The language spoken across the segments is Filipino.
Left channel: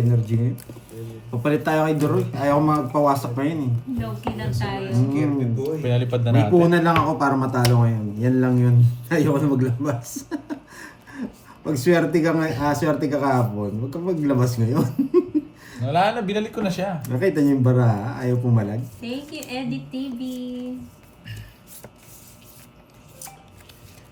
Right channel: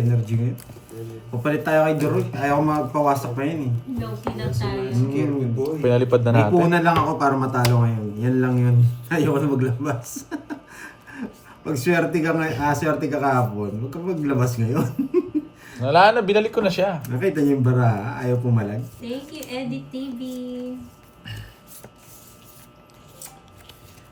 Energy ngayon. Papalit tayo kay Doroy. Ayaw ko magpawasak pa yun eh. Low-key lang tayo. Scared me boy. Pinalipad na May natin. puhunan lang ako para matalo ngayon. Yan lang yun. Ayaw ko na maglabas. Pag swerte ka kahapon, huwag ka maglabas ngayon. Wala na, binalik ko na siya. Nakita niyo yung bara, ayaw pumalag. Thank you, Edit TV.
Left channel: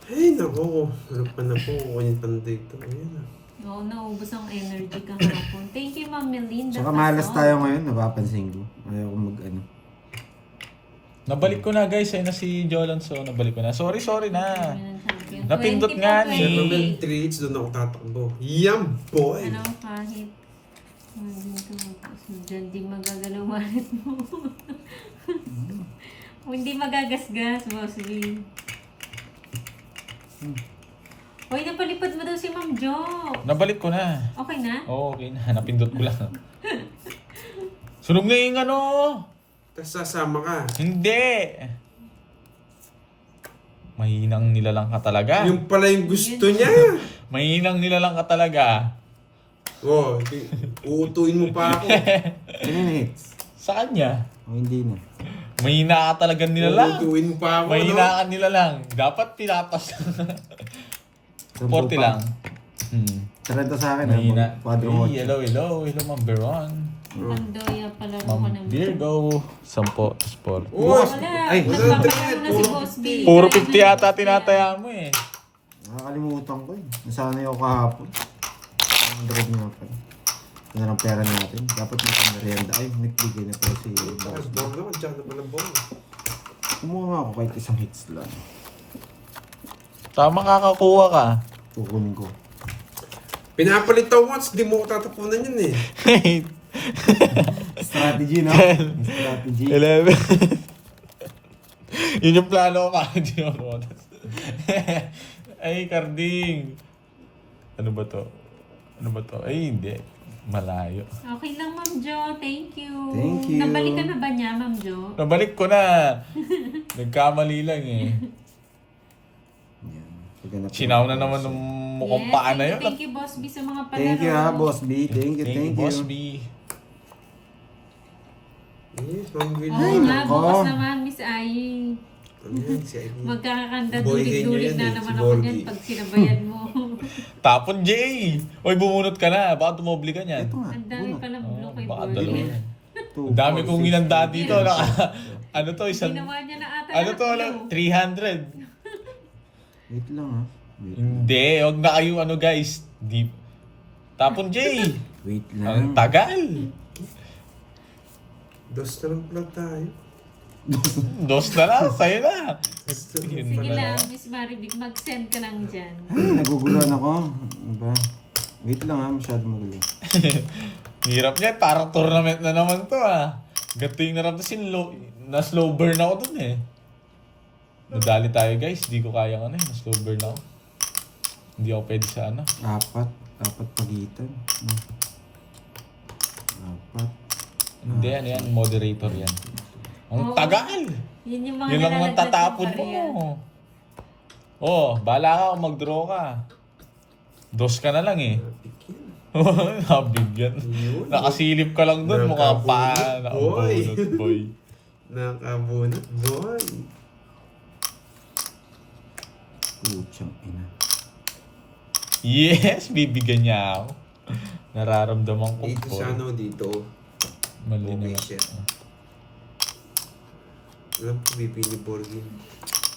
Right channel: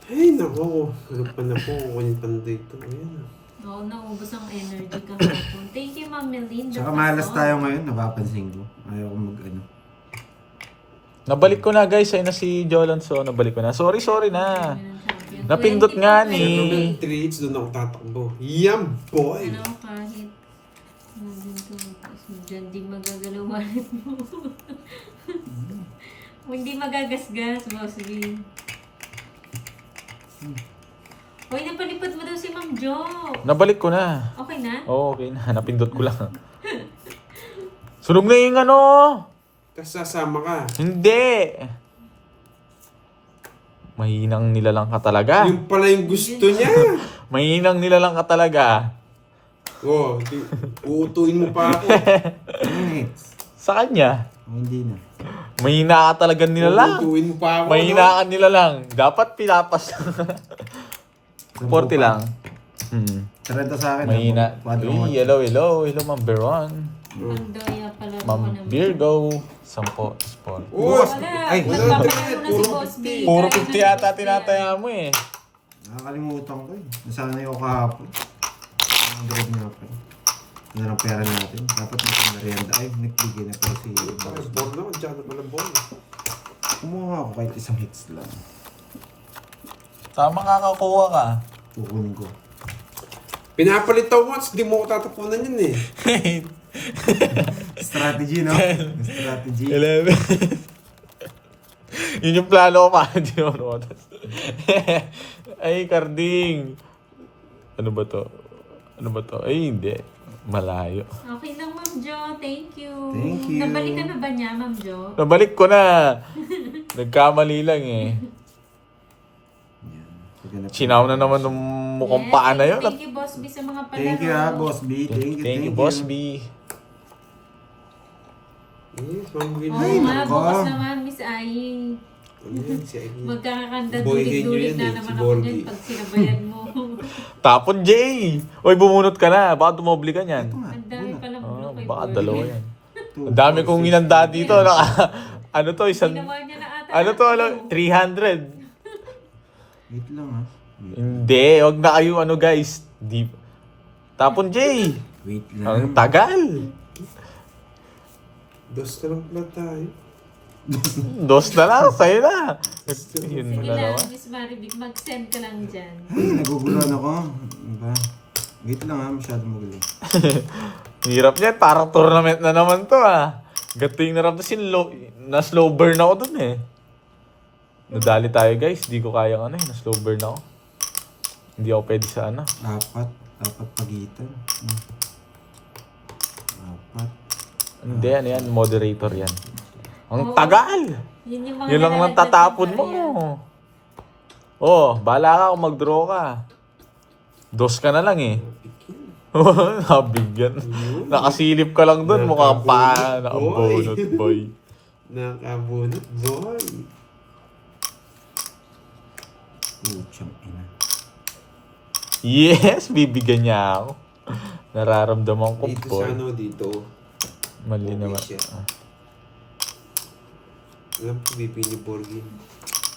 Ay, nako. Ano pa na po? Kukunin pa na dito. Ayan. Oo, naubos ang energy kahapon. Thank you, Ma'am Melinda. Tsaka malas tayo ngayon, napapansin ko. Ayaw ko mag-ano. Nabalik ko na guys, ayun na si Jolonso. Nabalik ko na. Sorry na. Napindot nga ni. Yung treats, doon ako tatakbo. Yum, boy! Ano, kahit dyan di magagalaw wallet mo. Hindi magagasgas, Boss B. Hoy, napalipad mo daw si Ma'am Jo. Nabalik ko na. Okay na? Oo, okay na. Napindot ko lang. Sunog na yung ano. Tapos sasama ka. Hindi. Mahinang nilalang ka talaga. Yung pala yung gusto niya. Mahinang nilalang ka talaga. Oh, uutuin mo pa ako. Anong hits? Sa kanya. Oh, hindi na. Mahina ka talaga nilalang. Uutuin mo pa ako, Mahina ka nilalang. Dapat pinapas. 40 lang. Trento sa akin. Mahina. Quadro Uy, hello, Ma'am Veron. Ang doya pala ko Ma'am ng Virgo. 10 sport. Uy! Ay, nagpapalaro na si Boss B. Puro 50 yata tinataya mo eh. Nakakalimutan ko eh. Nasanay ako kahapon. Ang drone nga pa. Ano lang pera natin. Dapat may merienda. Ay, nagbigay na pala si Boss. Ball naman, dyan na pala ball. Kumuha ako kahit isang hits lang. Tama kakakuha ka. Kukunin ko. Pinapalit ako once, di mo ko tatapunan yun eh. Strategy, no? Strategy. 11. Yun yung plano ko pa. Hindi mo notas. Ay, Carding. Ano ba to? Ay, hindi. Malayo. Okay lang, Ma'am Jo. Thank you. Thank you. Nabalikan na ba niya, Ma'am Jo? Nabalik ko na. Nagkamali lang eh. Sinaw na naman ng mukhang paa na yun. Thank you, Boss B, sa mga palaro. Thank you ha, Boss B. Thank you. Boss B. Yes, Ma'am Will. Oo Ay, nga, nako. bukas naman, Miss Ai. Ano yan, si Aileen. Magkakakanda Boy, dulit-dulit ganyan na yan eh, naman si ako Borgie. dyan pag sinabayan mo. Tapon, Jay. Oy, bumunot ka na. Baka tumobli ka niyan. Ito nga. Ang dami palang Oh, blue kay baka Borgie. dalawa yan. Two, Ang dami four, kong six, inanda dito. Ano to? Isang... Ginawa niya na ata. Ano to? ng blue. 300. Wait lang ha. Hindi. Huwag na kayo ano guys. Deep. Tapon, Jay. Wait Ang lang. tagal. Dos na lang pala tayo. Dos na lang. Sa'yo na. Yun Sige na lang, naman. Miss Maribig, mag-send ka lang dyan. Ay, naguguluhan ako. Diba? Wait lang ha, masyado magulo. Hirap niya. Parang tournament na naman to ah. Gato yung naramdasin. Na slow burn ako dun eh. Nadali tayo guys. Di ko kaya ano eh. Na slow burn ako. Hindi ako pwede sa ano. Apat pagitan. Apat. Hindi ano yan. Moderator yan. Ang Oo. tagal! Yun yung mga Yun lang nalalagdag tatapon ng mo. barya. Oh, bahala ka kung mag-draw ka. Dos ka na lang eh. Pikin. Nabigyan. Nakasilip ka lang dun. Mukha pa. Nakabunot, Nakabunot boy. Nakabunot, boy. Putsang ina. Yes! Bibigyan niya ako. Nararamdaman ko Dito boy. sa ano, dito. Mali Okay, naman. shit. Alam ko, BP ni Borgin.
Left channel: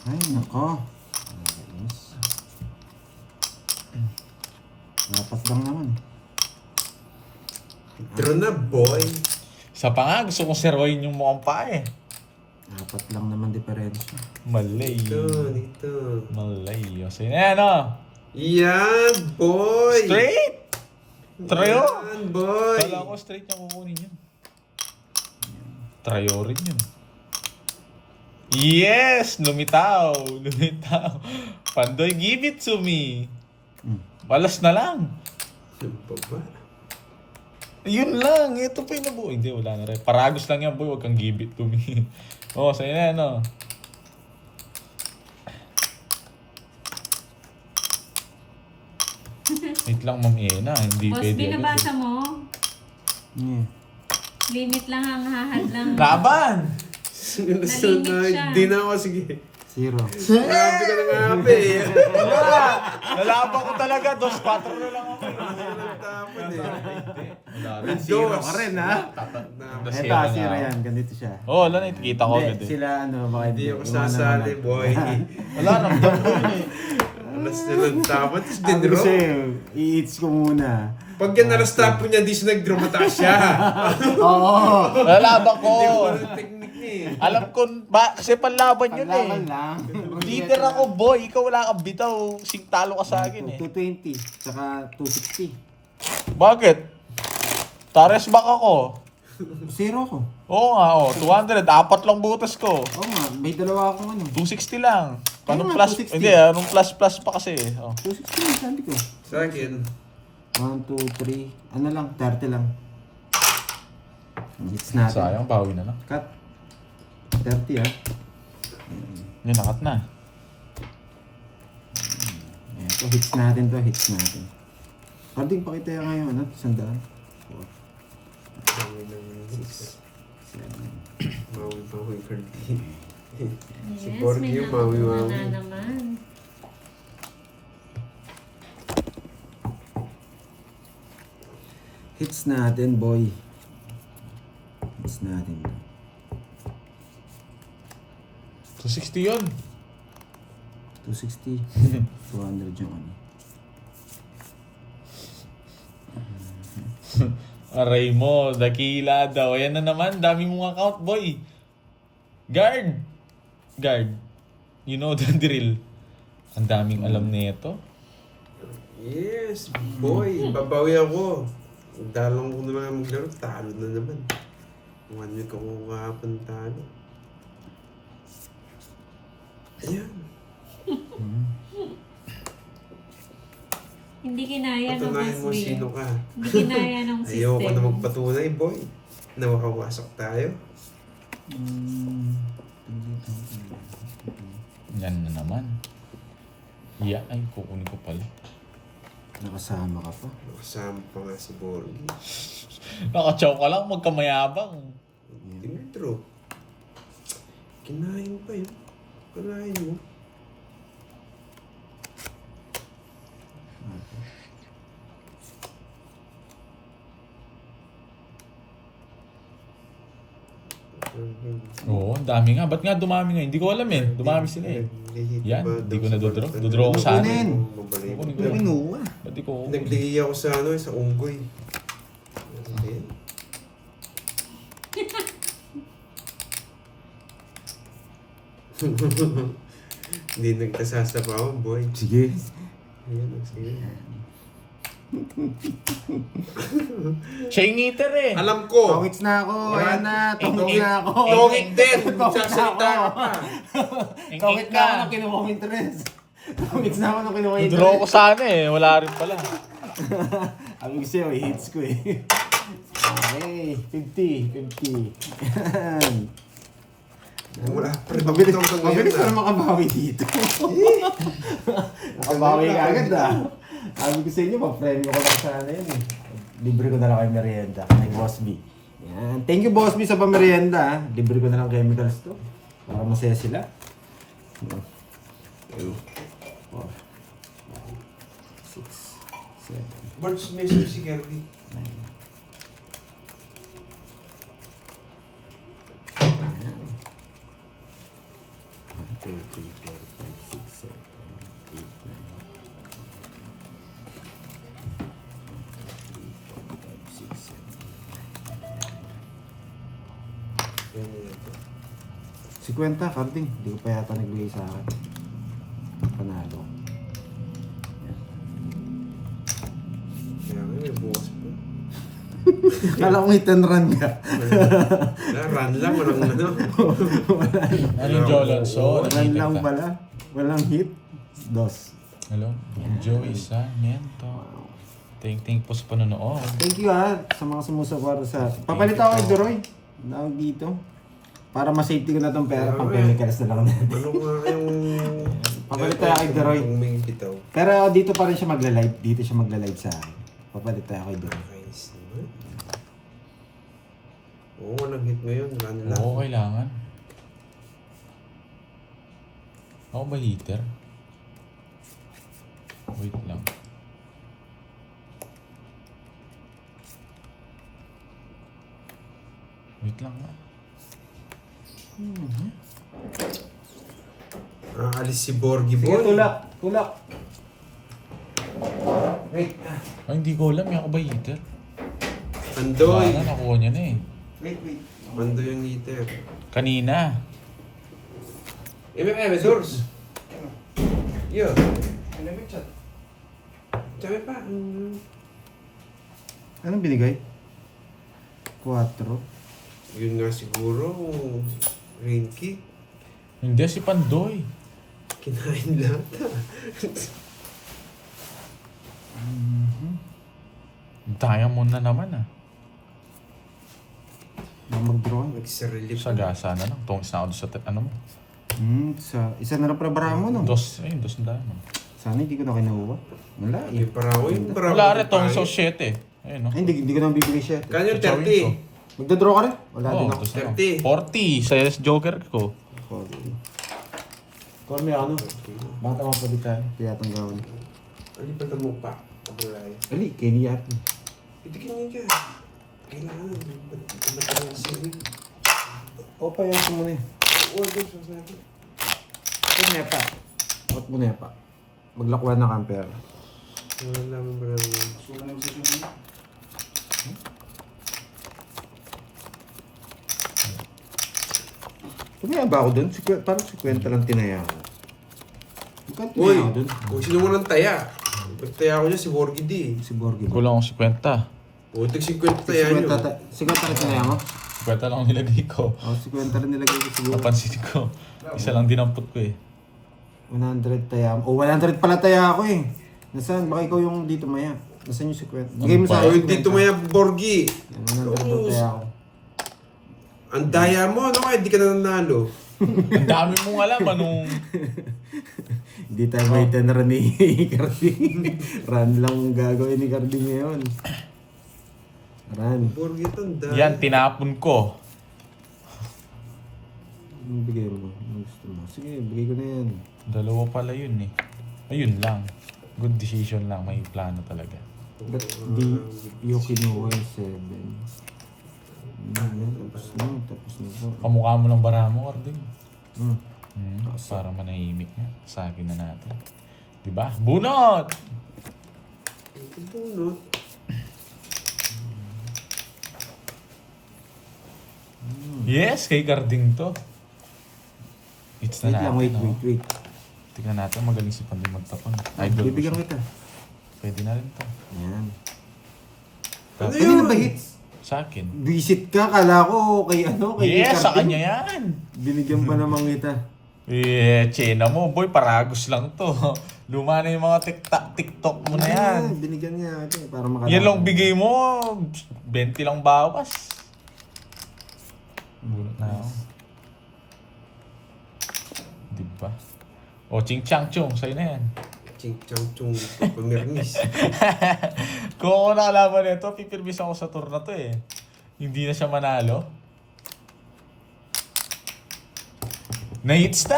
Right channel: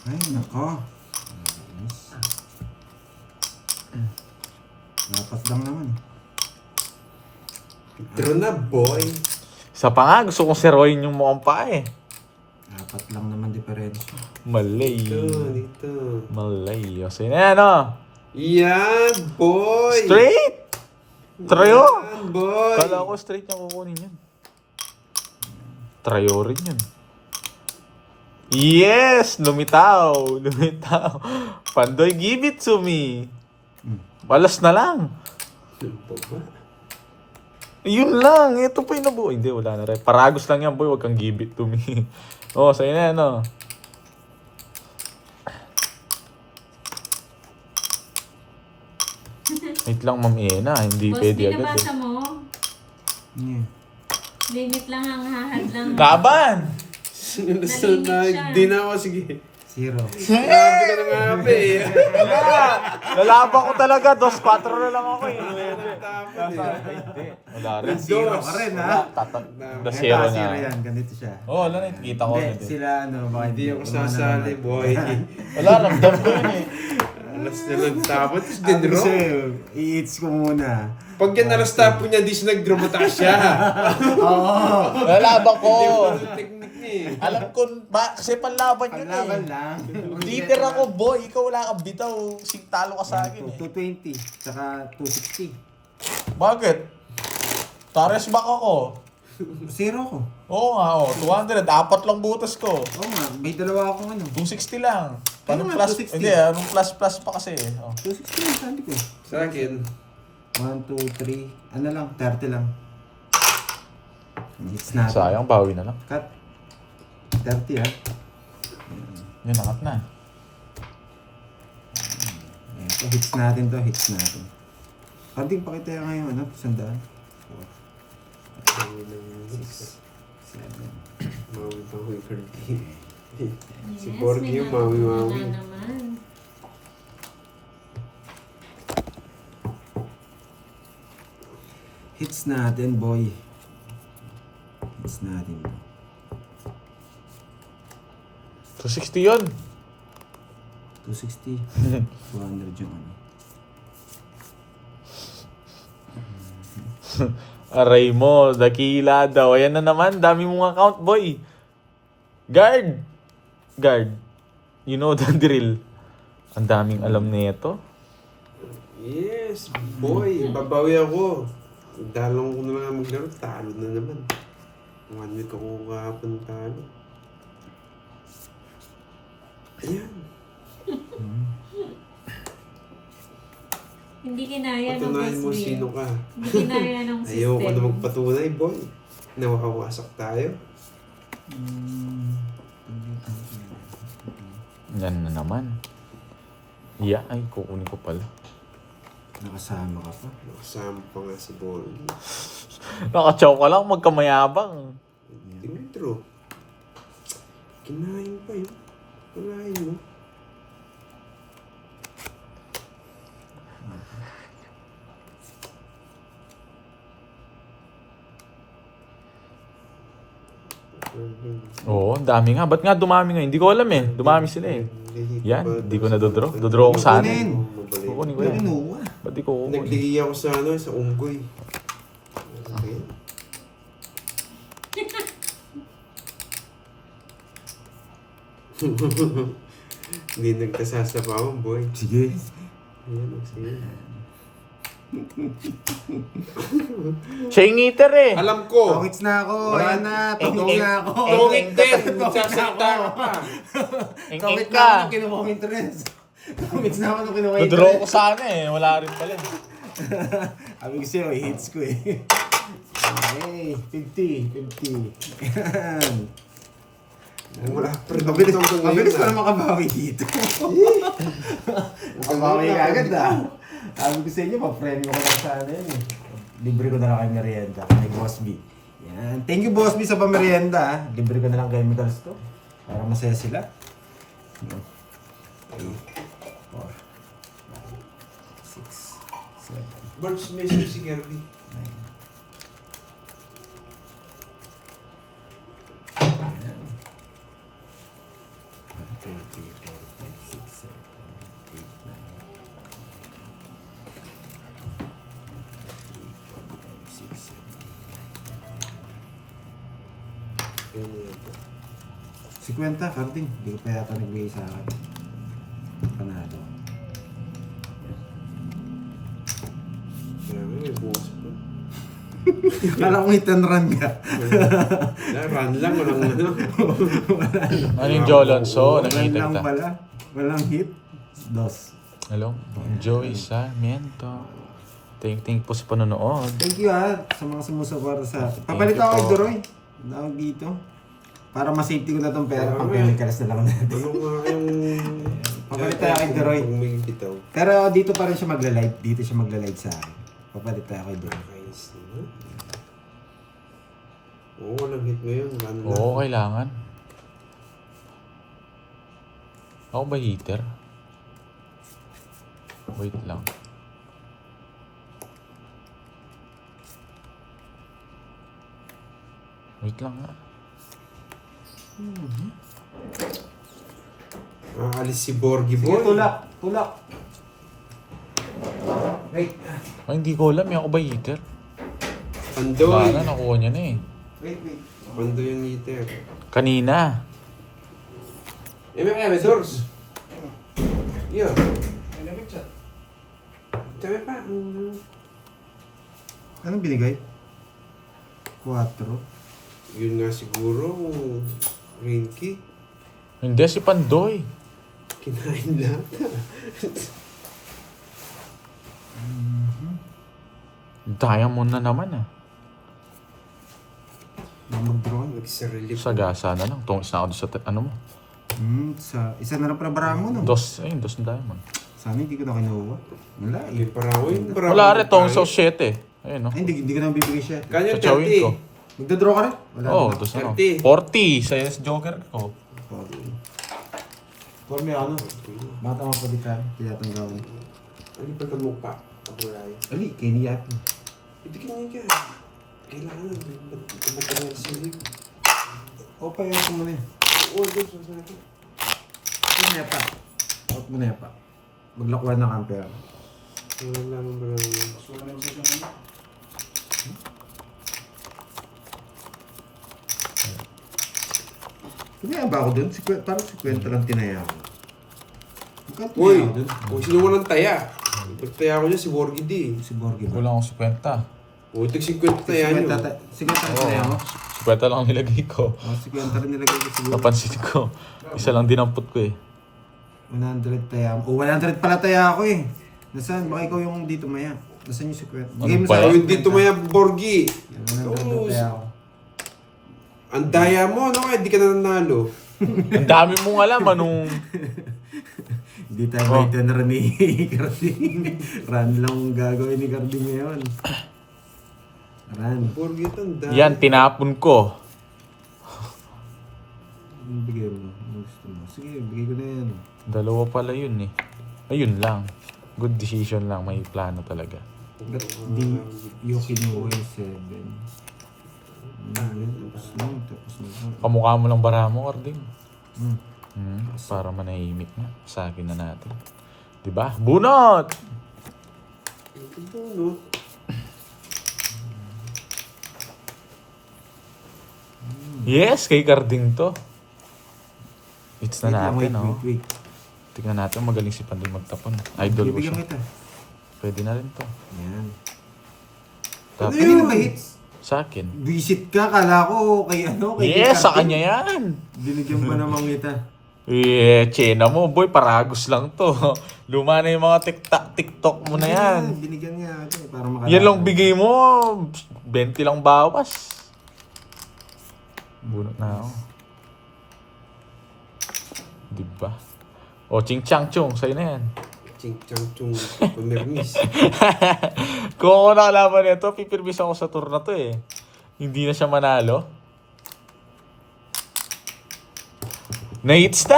Ay, nako. Apat lang naman. Pero na, boy. Sa pa nga, gusto kong seroin yung mukhang pa eh. Apat lang naman diferensya. Malay. Dito. Malay. O, sige na yan oh. Yan, boy! Straight! Trayo! Yan, boy! Kala ko straight yung kukunin yan. Trayo rin yan. Yes! Lumitaw! Lumitaw! Pandoy, give it to me! Balas na lang! Ano pa ba? Yun lang! Ito pa yung nabuo. Hindi, wala na rin. Paragos lang yan, boy. Huwag kang give it to me. Oh, sa'yo na yan, oh. Wait lang, Ma'am Ena. Hindi Boss B, pwede agad. nabasa mo? Yeah. Limit lang ang hahad lang. Laban! Nalimit siya. Di na ako, sige. 0. Grabe ka na nga, pe. Lalaban ko talaga. 2-4 na lang ako eh. Tapon eh. Wala rin. 0 ka rin, ha? Ito, Ito, 0 yan. Ganito siya. Oo, wala na. Kita ko agad Hindi, eh. sila ano, baka Hindi ako sasali, boy. Wala, ramdam ko yun eh. Alas na lang tapos, Sabi ko dinro. sa'yo, i-eats ko muna. Pag yan alas tapo niya, di siya nag-dramata siya. Oo. Lalaban ko. Walang technique niya eh. Alam ko, kasi panlaban yun Paglaban eh. lang. Leader ako, boy. Ikaw wala kang bitaw. Singtalo ka sa akin eh. 220, tsaka 260. Bakit? Tares back ako. 0 ko. Oo nga, 200. 4 lang butas ko. Oo nga, may dalawa akong ano. 260 lang. Ano Anong nga, plus? 260? Hindi, anong plus pa kasi eh. Oh. 260 yung sabi ko. Sa akin, 1, 2, 3, ano lang, 30 lang. Hits natin. Sayang, bawi na lang. Cut. 30 ha. Yun, nakat na. Ito, hits natin to, hits natin. Karding, pakita yung ngayon, ano, 100. 4, mawi ng 6, 7. mawi Kirby. Si Yes, Borg may yung natutunan mawi-mawi. na naman. Hits natin, boy. Hits natin. 260 yun. 260. 200 yung ano. Aray mo, dakila daw. Ayan na naman, dami mong account, boy. Guard! Guard. You know the drill. Ang daming alam nito. Yes, boy. Babawi ako. Dalawang ko naman maglaro, talo na naman. 1 week ako kahapon talo. Ayan. Hindi kinaya ng Patunayan mo Boss sino Bill. ka. Hindi kinaya ng system. Ayoko na magpatunay, boy. Nawakawasak tayo. Yan na naman. Yeah, ay, kukunin ko pala. Nakasama ka pa. Nakasama pa nga si Borgi. Nakachow ka lang, magkamayabang. Dimitro. Kinain pa yun. Kinain mo. Oo, ang dami nga. Ba't nga dumami nga? Hindi ko alam eh. Dumami sila eh. Yan, di ko na dodraw. Dodraw ko sa akin. Kukunin ko Wala yan. inuwa. Ba't di ko kukunin? Naglihi ako sa ano, sa unggoy. Okay. Hindi nagkasasapawan, boy. Sige. Ayan, sige. Siya yung ngiter eh. Alam ko! Tongits na ako. Ayan na. Tongits na ako. Tongit din! Tongits na Sasalita ako. ka pa. Tongits na ako nung kinuha ko interest. Tongits na ako nung kinuha ko Dodraw ko interest. sana eh. Wala rin pala. Sabi ko sa'yo, hits ko eh. Okay, 50. Yan. Wala pa rin. Mabilis Ito hanggang mabilis ngayon, ko na ah. makabawi dito. Makabawi ka agad ah. Sabi ko sa inyo, ma-friend ko lang sana yun eh. Libre ko na lang kayo merienda. Kay Boss B. Yan. Thank you Boss B sa pamerienda ah. Libre ko na lang chemicals to. Para masaya sila. 3, 4, 5, 6, 7, Birds measure si Kirby. 9. Si Kwenta, Karding. Hindi ko pa yata nagbigay sa akin. Panalo. Kaya nga, bukas pa. Kala ko may 10 run ka. Run lang, walang ano. Ano yung Jolonso? Run Nakita lang kita. pala. Walang hit. Dos. Hello? Joey Sarmiento. Ting-ting po sa panonood. Thank you sa mga sumusuporta sa... Papalit ako kay Doroy. Tawag dito. Para ma-safety ko na tong pera. Pang chemicals na lang natin. Ano nga yung... Papalit tayo kay Doroy. Kung may bitaw. Pero dito pa rin siya magla-live. Dito siya magla-live sa akin. Papalit tayo kay Doroy. Nice, no? nag-hit ngayon. Ano na? Oo, kailangan. Ako ba heater? Wait lang. Wait lang nga. Alis si Borgie Sige, boy. tulak. Tulak. Wait. Ay, hindi ko alam. Yung ako ba heater? Pandoy. Wala na, nakuha niya na eh. Wait, wait. Pandoy yung heater. Kanina. May doors. Yo. Tsaka pa. Anong binigay? 4. Yun nga siguro. Rain kick. Hindi, si Pandoy. Kinain lahat. Diamond na naman ah. Mag-drawing. Mag-relief. Sagasa na lang. Tungos na ako sa ano mo. Isa na lang para bara mo, no? Dos na diamond. Sana hindi ko na kinuha. Wala May eh. parawan. Wala rin, tungos sa 7 Ayun no. Ay, hindi ko na bibigay siya. Kanyo Chawin ko. 30. Magdadraw ka rin? Wala Oo, din ako. dos na lang. 30. 40 sa Joker ko. Call me ano? Bata mo pa di ka. Kaya itong gawin. Ano pa ito mukha? Kaburay. Ali, Kenny Yapi. Itikin niya ka. Kailangan. Matagal sila. O, pa yan mo na eh. Oo, doon sa sabi. Ito nepa. Out mo nepa. Maglakwan na camper. Wala naman ba naman. Tumaya ba ako dun? Parang 50 lang tinaya ko. Magkano Uy! tumaya ako dun? Kung sino mo ng taya? Nagtaya ko niya si Borgie D. Si Borgie. Kulang ako 50. Putik 50 taya niyo. 50 lang tinaya mo? 50 lang nilagay ko. Oh, 50 rin nilagay ko siguro. Napansin ko. Isa lang dinampot ko eh. 100 taya mo. Oh, 100 pala taya ako eh. Nasaan? Baka ikaw yung dito maya. Nasaan yung 50? Bigay mo sa Ano O ba? akin yung dito maya Borgie. 100 taya ako. Ang daya mo, ano kaya di ka na nanalo? Ang dami mong alam anong... Hindi tayo may tenor ni Carding. Run lang ang gagawin ni Carding ngayon. Run. Borgie ito, ang daya. Yan, tinapon ko. Anong bigay mo? Ano gusto mo? Sige, bigay ko na yan. Dalawa pala yun eh. Ayun lang. Good decision lang. May plano talaga. Ba't di yung kinuha yung 7? Tapos na po. Kamukha mo lang bara mo, Carding. Hmm. Para manahimik na. Sa akin na natin. Diba? Bunot! Bunot. Yes, kay Carding to. It's Wait na lang, natin, wait. Tingnan natin, magaling si Pandoy magtapon. Idol ko Bibigyan siya. kita. Pwede na rin to. Yan. Ano Kanina yun? ba hits? Sa akin. Visit ka, kala ko kay ano, kay Yes, sa Carding. kanya yan. Binigyan pa namang kita. Chena mo, boy. Paragos lang to. Luma na yung mga TikTok mo na yan. Binigyan niya ako para makalaban. Yan lang bigay mo. 20 lang bawas. Bunot na ako. Diba? O, ching chang chung. Sa'yo na yan. Ching chang chung pumirmis. Kung ako nakalaban nito, pipirmis ako sa tour na to eh. Hindi na siya manalo. Na-hits na!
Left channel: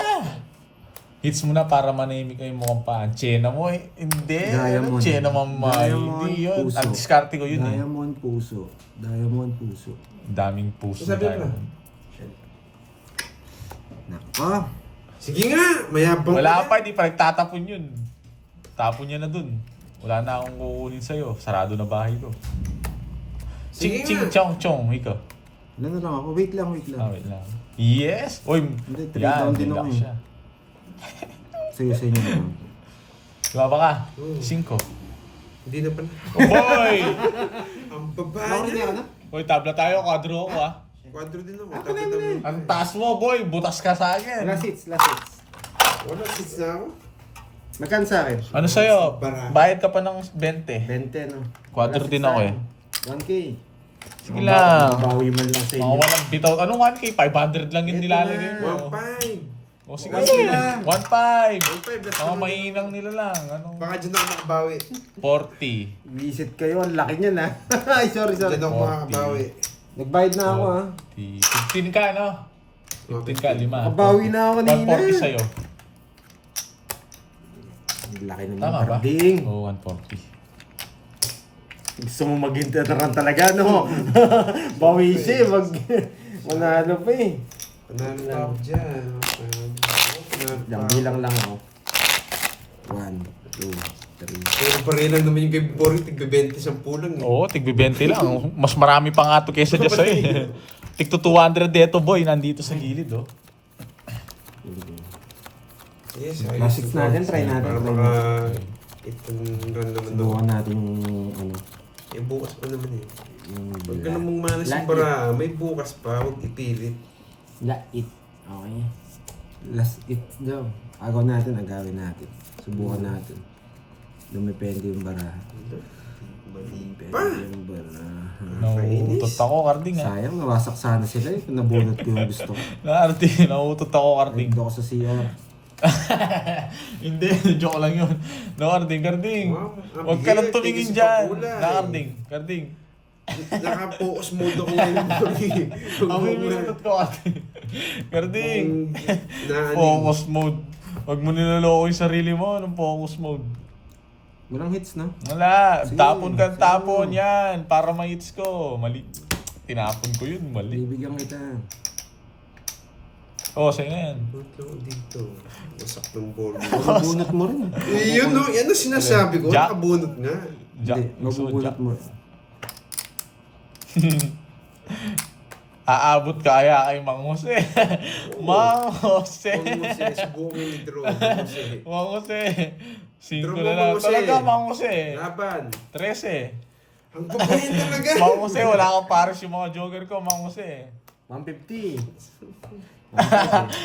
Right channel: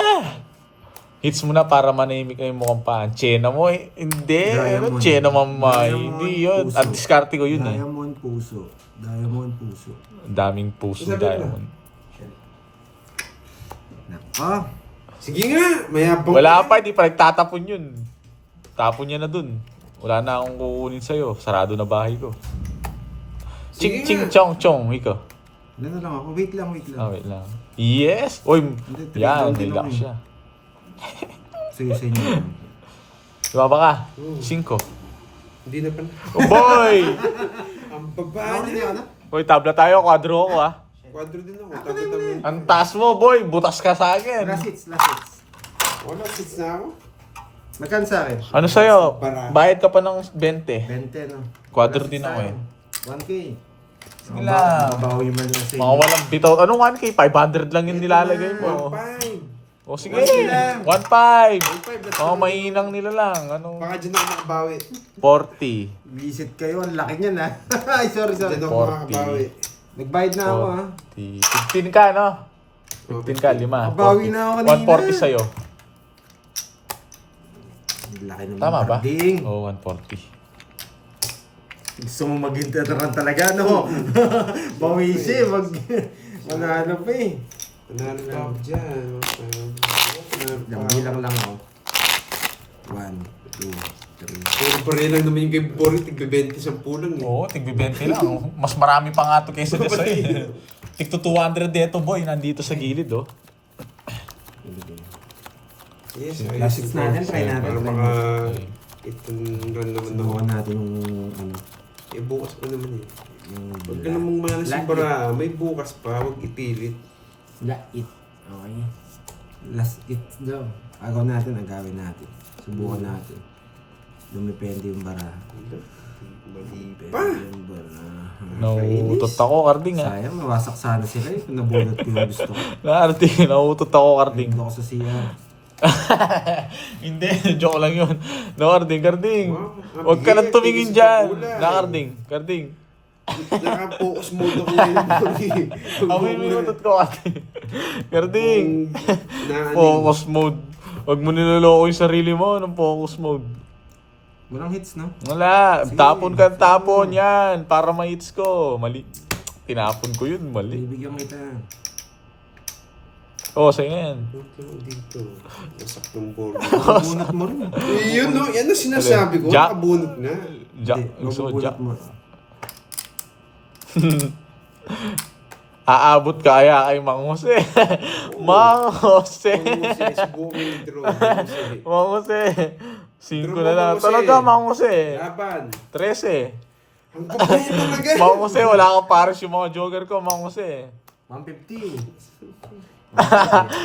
Hits mo na para manahimik na yung mukhang paan. Chena mo eh. Hindi. Diamond. Chena mamay. Diamond Hindi yun. puso. Ang diskarte ko yun eh. Diamond puso. Diamond puso. Ang daming puso Sabi mo. diamond. Nako. Sige nga, mayabang Wala ka pa, hindi pa nagtatapon yun. Tapon niya na dun. Wala na akong kukunin sa'yo. Sarado na bahay ko. Sige Ching ching nga. chong chong. Ikaw. Wala na lang ako. Wait lang. Ah, wait lang. Yes! Uy! Hindi, 3 Yan, down din relax ako eh. siya. Sige sa inyo. Lumaba ka. Oo. 5. Hindi na pala. Oh boy! Ang baba Bakit hindi niya. ako na? Uy, tabla tayo. Quadro ako ah. Quadro din ako. Ako Tapos na, naman. Ang taas mo, boy. Butas ka sa akin. Last hits. Last hits. Wala, hits na ako. Magkano sa akin? Ano sa'yo? Para. Bayad ka pa ng 20. 20 no? Quadro Last din hits ako sa eh. akin. 1K. Sige lang. Mabawi man lang sa Mga inyo. walang bitaw. Anong 1K? 500 lang yung Ito nilalagay na. mo. 1.5. O sige. 1K lang. 1.5. 1.5. Mga mahinang nila lang. Anong Baka dyan ako makabawi. 40. Visit kayo. Ang laki niyan ha. Ay, sorry. Dyan ako 40. makakabawi. Nagbayad na ako, ha? 15 ka, no? 15 ka, 5. Nakabawi na ako kanina. 140 sa'yo. Ang laki naman. Tama ba? Carding. Oo, 140. Gusto mo mag-interan talaga, no? Bawi siya, manalo pa eh. Panalo pa ako dyan. Lang bilang lang ako. 1, 2, 3. Pero pareho lang naman yung kay Boris, tigbe-20 sa pulang eh. Oo, tig-20 lang. Mas marami pa nga ito kaysa dyan sa'yo. Tig 200 dito, boy. Nandito sa gilid, oh. Yes, Classics natin, try natin. Para maka... Itong run naman ako. Subukan natin yung ano. Eh, bukas pa naman eh. Yung Huwag ka namang malas yung para may bukas pa, huwag ipilit. Lait. Okay. Last it daw. Agaw natin, agawin natin. Subukan natin. Dumepende yung baraha. Mali Depende pa. yung baraha. Nauutot ako, Karding, ah. Sayang, nawasak sana sila eh. Kung nabunot ko yung gusto ko. Karding, nauutot ako, Karding. Nandito ako sa CR. Hindi, joke lang yun. No, Karding. Wow, ang Huwag ka nang bigat, tumingin tigil sa dyan. pakulay. Na, Karding. Naka-focus mode ako ngayon. Amoy mo yung utot ko, Karding. Karding. Naaning. Focus mode. Huwag mo niloloko yung sarili mo ng focus mode. Walang hits, no? Wala. Sige, Tapon ka, sige. tapon. Yan. Para ma-hits ko. Mali. Tinapon ko yun. Mali. Bibigyan kita. Oo, sa'yo yan. Ito dito. Nasaktong ball. Mabubunot mo rin. Yun no, yan ang sinasabi ko. Jack. Nakabunot nga. Jack. Hindi, Gusto mo, mabubunot Jack. mo. Aabot ka kaya kay Mang Jose. Mang Jose. Subukan mo yung draw. Mang Jose. 5 Draw na mo, lang. Mang Jose. Talaga, Mang Jose. Laban. 13. Ang babae talaga. Mang Jose, wala kang pares yung mga joker ko, Mang Jose. 150.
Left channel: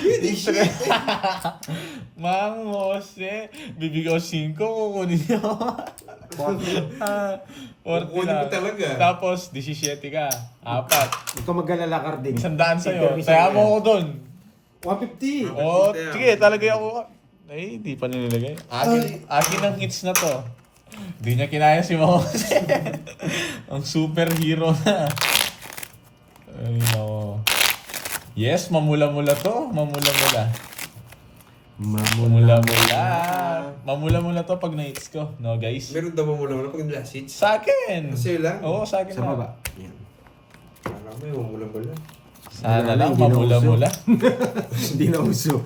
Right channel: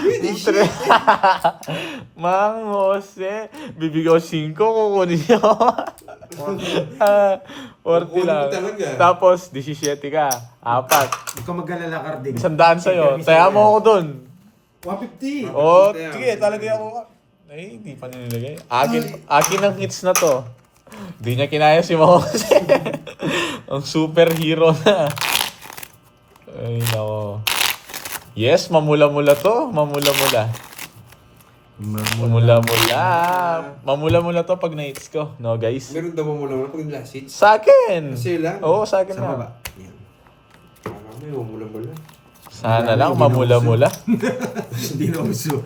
Hindi siya. Mang Jose, bibigyan ko 5, kukunin nyo. 40 Kukunin lang. mo talaga. Tapos, 17 ka. 4. Ikaw mag-alala, Carding. 100 sa'yo. Taya mo ako dun. 150. Oh, sige, talagay ako. Ay, hindi pa nilagay. Akin ang hits na to. Di niya kinaya si Mang Jose. Ang superhero na. Ay, nako. Yes, mamula-mula to. Mamula-mula. Mamula-mula. Mamula-mula to pag na-hits ko. No, guys? Meron daw mo lang pag last hits. Sa akin. Kasi lang. Oo, sa akin Sa na. baba. Yan. May mula-mula. Sana lang, Hindi na mamula-mula. Hindi na uso.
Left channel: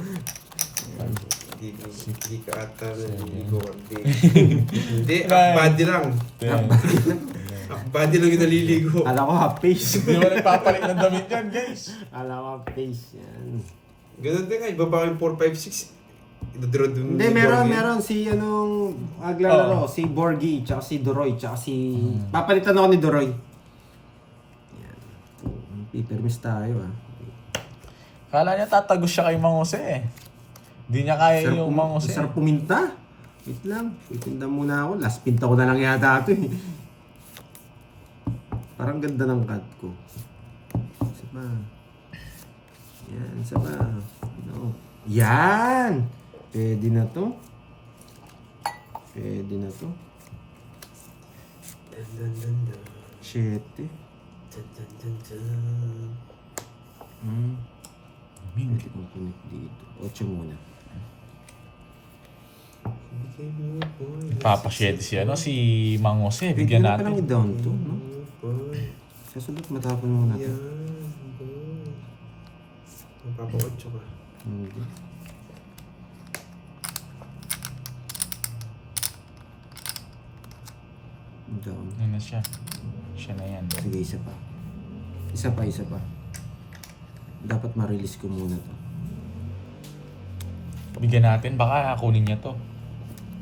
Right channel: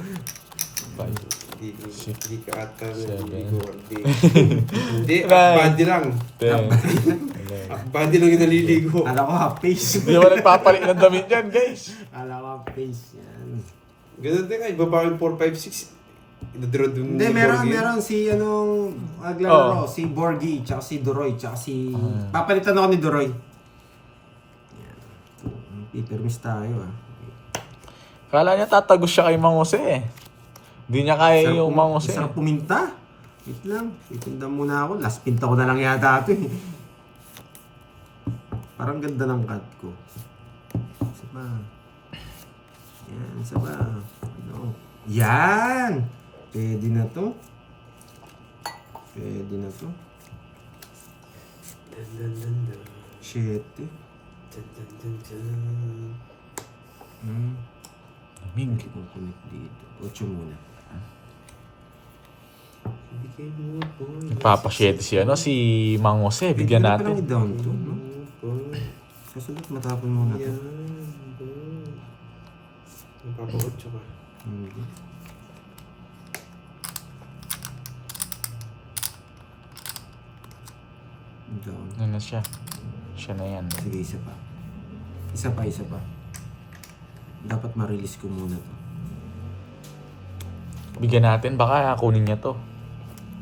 Hindi ka ata na Seven. hindi ko. Hindi, body lang. 10. Body lang yung naliligo. Alam ko half face. Hindi mo nagpapalit ng damit yan, guys. Alam ko half face. Yan. Ganun din nga, ibaba yung 4, 5, 6. Idadraw dun Hindi, ni meron, Borgie. meron si anong maglalaro, si Borgie, tsaka si Duroy, tsaka si... Papalitan ako ni Duroy. Yan. Pipirmis tayo, ah. Kala niya tatagos siya kay Mang Jose eh. Hindi niya kaya yung Mang Jose. Sarap puminta. Wait lang, itinda muna ako. Last pinta ko na lang yata ito eh. Parang ganda ng cut ko. Isa pa. Yan, isa pa. Ano? Yan! Pwede na to. Pwede na to. Dun, dun, dun, dun. 7. Dun, dun, dun, dun. Pwede kong connect dito. 8 muna. Bigay mo, boy. Papasyete si si Mang Jose. Pwede Bigyan na palang natin. i-down to, no? Boy. Kasunod matapon muna to. Yan, boy. Magpapa-8 ka. Hindi. Down. Ano siya? Siya na yan. Sige, isa pa. Isa pa. Dapat ma-release ko muna to. Bigyan natin. Baka kunin niya to.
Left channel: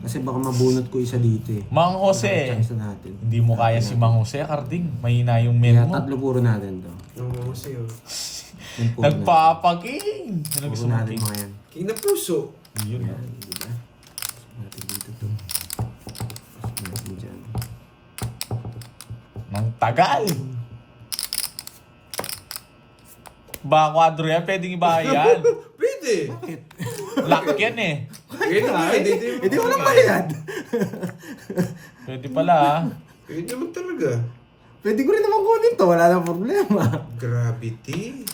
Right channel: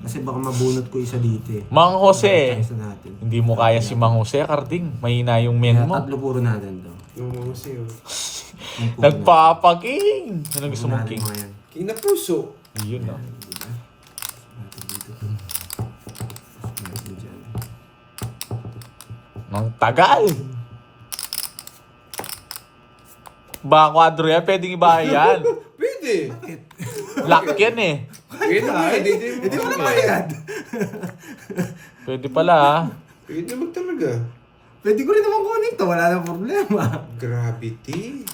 Kasi baka mabunot ko isa dito eh. Mang Jose. Tsaka isa natin. Hindi mo kaya si Mang Jose, Karding. Mahina yung Kaya men mo. tatlo puro natin to. Ano kasi yun? Yung puro Nagpapaking! Ano natin. gusto Puro mo natin king? mga yan. King na puso. Yun na. Yan, diba? Natin dito to. Natin dyan. Nang tagal! Ba, kwadro yan? Pwedeng ibahay yan. Pwede. Lock yan eh. Pwede naman. Hindi wala bayad. Pwede pala ah. Pwede naman talaga. Pwede ko rin naman kunin to, wala nang problema. Gravity.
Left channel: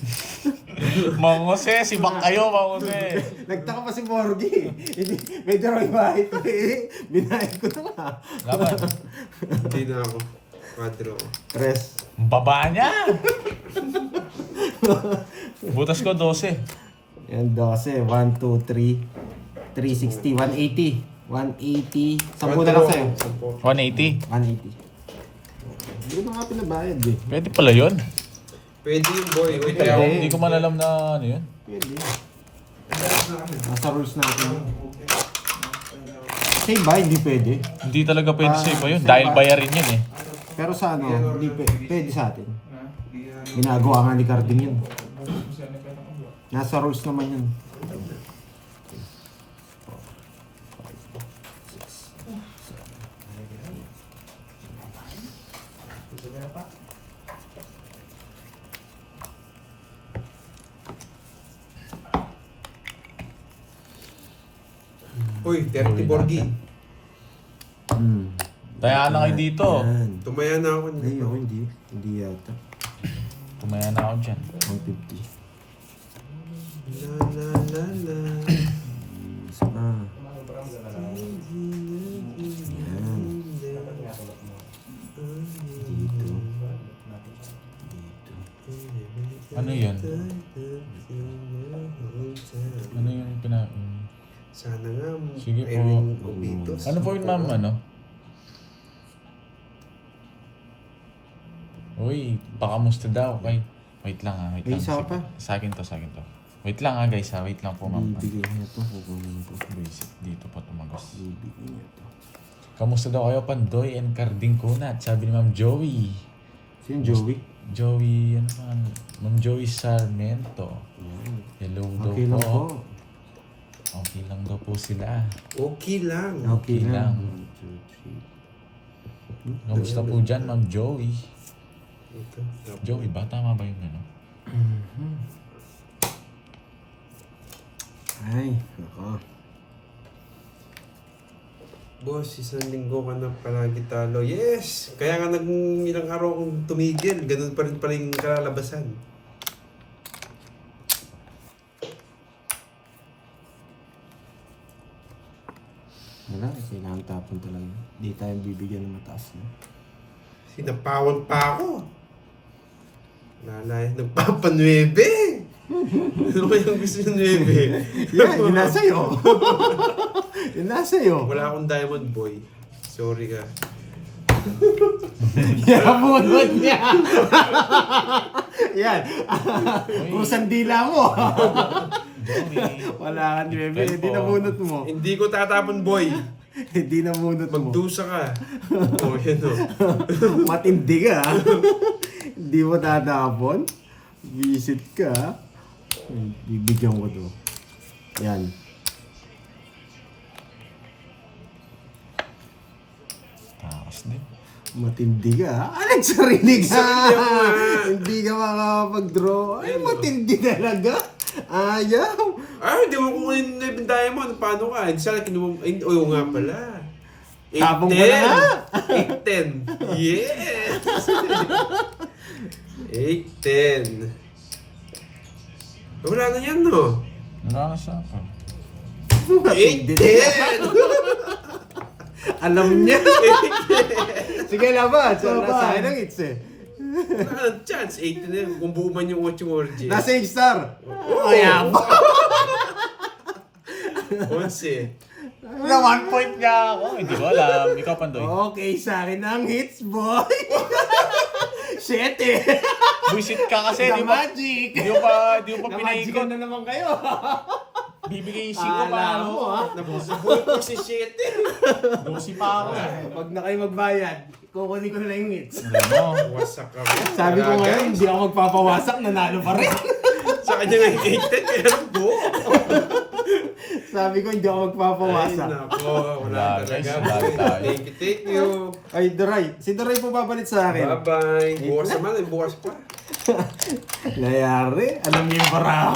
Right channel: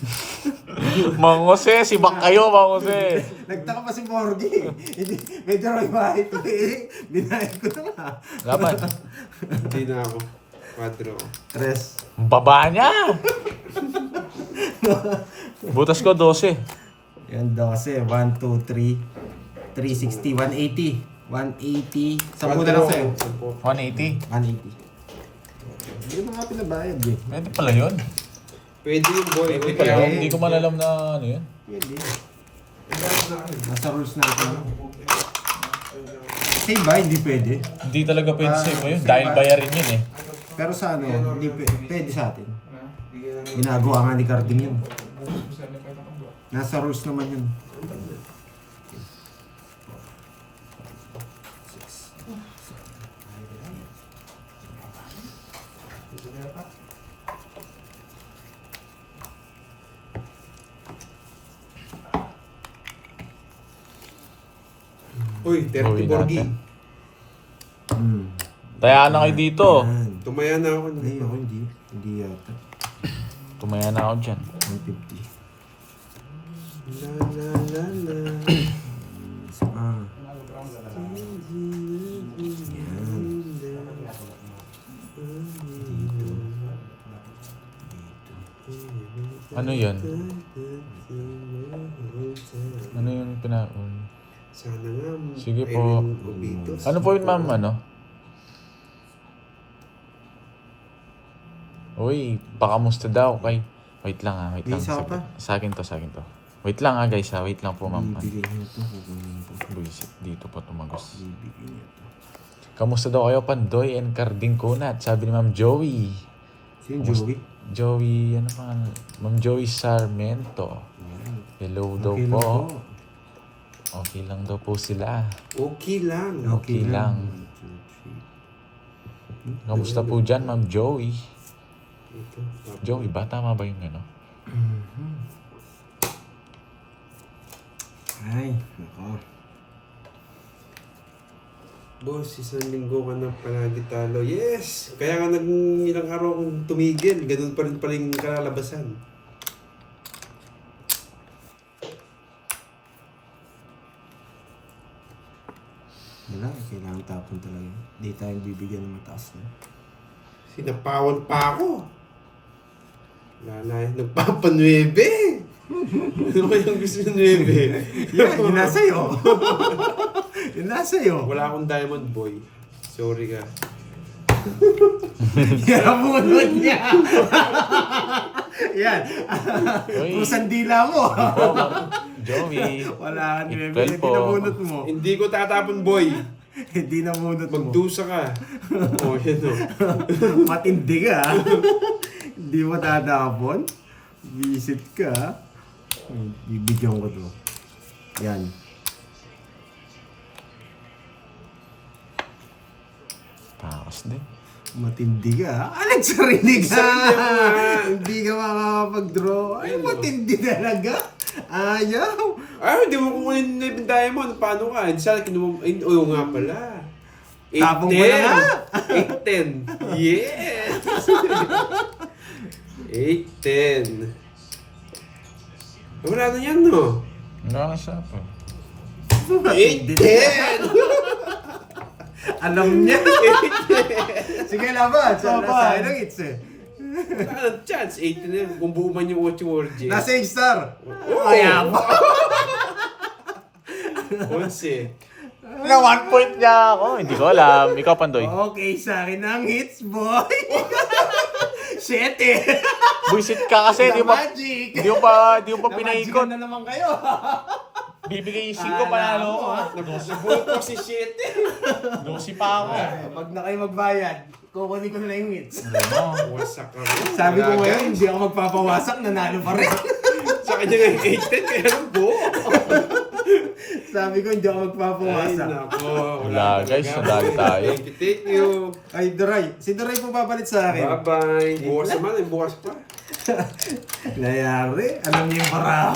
Mang Jose, si Bak kayo, Mang Jose. Nagtaka pa si Morgie. Hindi, medyo Roy Bahit ko eh. Binayad ko na nga. Laman. Hindi na ako. Quadro. Tres. Baba niya. Butas ko 12. Yan 12. 1, 2, 3. 360. 180. 180. Sampu na lang sa'yo. 180. 180. Hindi mo nga pinabayad eh. Pwede pala yun. Pwede yung boy. Pwede Okay. pala yun. Hindi ko man alam na ano yun. Pwede. Nasa rules natin. Save ba? Hindi pwede. Hindi talaga pwede sa iba yun. save Dahil ba? bayarin yun eh. Pero sa ano, hindi pwede sa atin. Ginagawa nga ni Carding yun. Nasa rules naman yun. Uy, Dirty Borgie. Tayaan na kayo dito. Yan. Tumaya na ako. Ay, ako hindi. Hindi yata. Tumaya na ako dyan. 150. La la la la. Isa pa. Yan. Ano yan? Ano yung Sana nga. Sige po. Erin Obitos. Ano po yun, ma'am? Ano? Uy, baka musta daw. Wait lang ha. Wait May lang. isa Sige. pa? Sa akin to. Wait lang ha guys ha. Wait lang po ma'am. Bibigay niya to. Kukunin ko. Buisit. Dito po tumagos. Bibigay niya to. Kamusta daw kayo, Pandoy and Carding Kunat? Sabi ni Ma'am Joey. Sino Joey? Joey, ano pa? Ma'am Joey Sarmiento. Hello daw Okay po. lang po. Okay lang daw po sila. Okay lang. Okay lang. Kamusta po dyan, Ma'am Joey? Ito. Joey ba? Tama ba yung ano? Ay, nako. Boss, isang linggo ka na palagi talo. Yes! Kaya nga ilang araw akong tumigil. Ganun pa rin pala yung kalalabasan. Wala, kailangan tapon talaga. Hindi tayo bibigyan ng mataas na. Sinapawan pa ako. Lalay, nagpapanuebe. Ano kayang gusto ng nuebe? Yan, yun nasa iyo. Yun nasa iyo. Wala akong diamond boy. Sorry ka. Yabunod niya. Yan. Uy. Pusang dila mo. Joey. Wala ka niya. Well Hindi po. nabunot mo. Hindi ko tatapon boy. Hindi nabunot mo. Magdusa ka. O, yan o. Matindi ka. Hindi mo tatapon. Visit ka. Bibigyan ko to. Yan. Takas din. Matindi ka. Nagsarinig ka. Sarili mo nga. Hindi ka makakapag-draw. Ay, matindi talaga. Ayaw. Ay, hindi mo kukunin na yung diamond. Paano ka? Hindi sana kinuha. Ay, oo nga pala. Tapong ko na nga. 8-10. Yes! 8-10. Wala na yan, no? Wala na siya. Matindi. 8-10! Alam niya. Sige, laban. Sa akin ang hits eh. Wala ka ng chance. 8 na yan. Kung buo man yung watching orgy. Nasa star. Ayaw. 11. Nga 1 point nga ako. Hindi ko alam. Ikaw, Pandoy. Okay, sa akin ang hits, boy. 7. Buisit ka kasi. The Di ba? magic. Di mo pa Na-magic pinaikot. na naman kayo. Bibigay yung 5 Alam panalo mo, ko. ha? Nabusubuhay ko si 7. Busi pa ako. Pag na kayo magbayad, kukunin ko na lang yung hits. Ano? Wasak ka rin. Sabi ko Wala, ngayon, guys. hindi ako magpapawasak, nanalo pa rin. Sa kanya nga yung 8-10. Kaya buo. Sabi ko, hindi ako Ay, magpapawasak. nako. Wala Wala, guys. talaga. Wala tayo. Thank you. Ay, Daray. Si Daray po babalit sa akin. Bye-bye. Bukas naman. Bukas pa. Layari, alam niyo yung para